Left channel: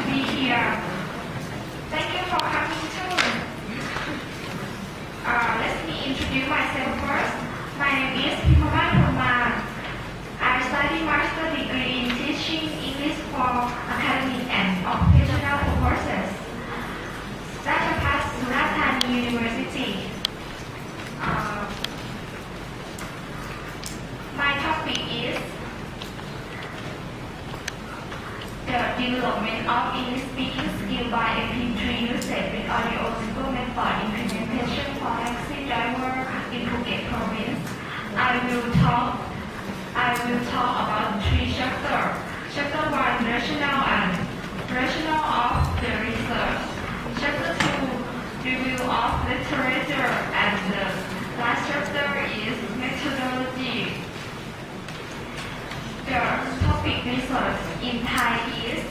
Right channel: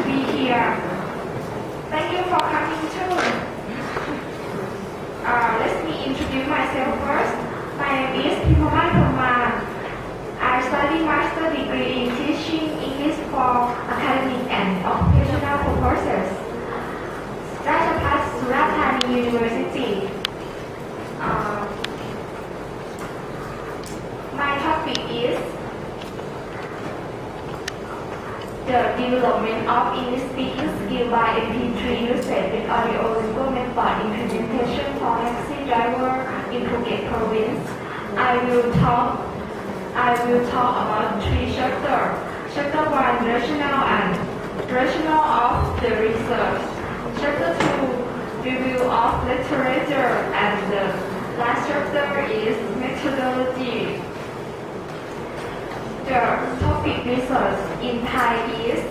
to be here. Thank you for coming too. Uh, let me introduce myself first. My name is Pimavan Purman. I study master degree in teaching English for academic and occupational purposes. Rajapat Surathani University. Uh, my topic is the development of English speaking skill by MP3 usage with audio method implementation for taxi driver in Phuket province. I will talk I will talk about three chapters. Chapter one, rationale and rationale of the research. Chapter two, review of literature, and the last chapter is research in Thai is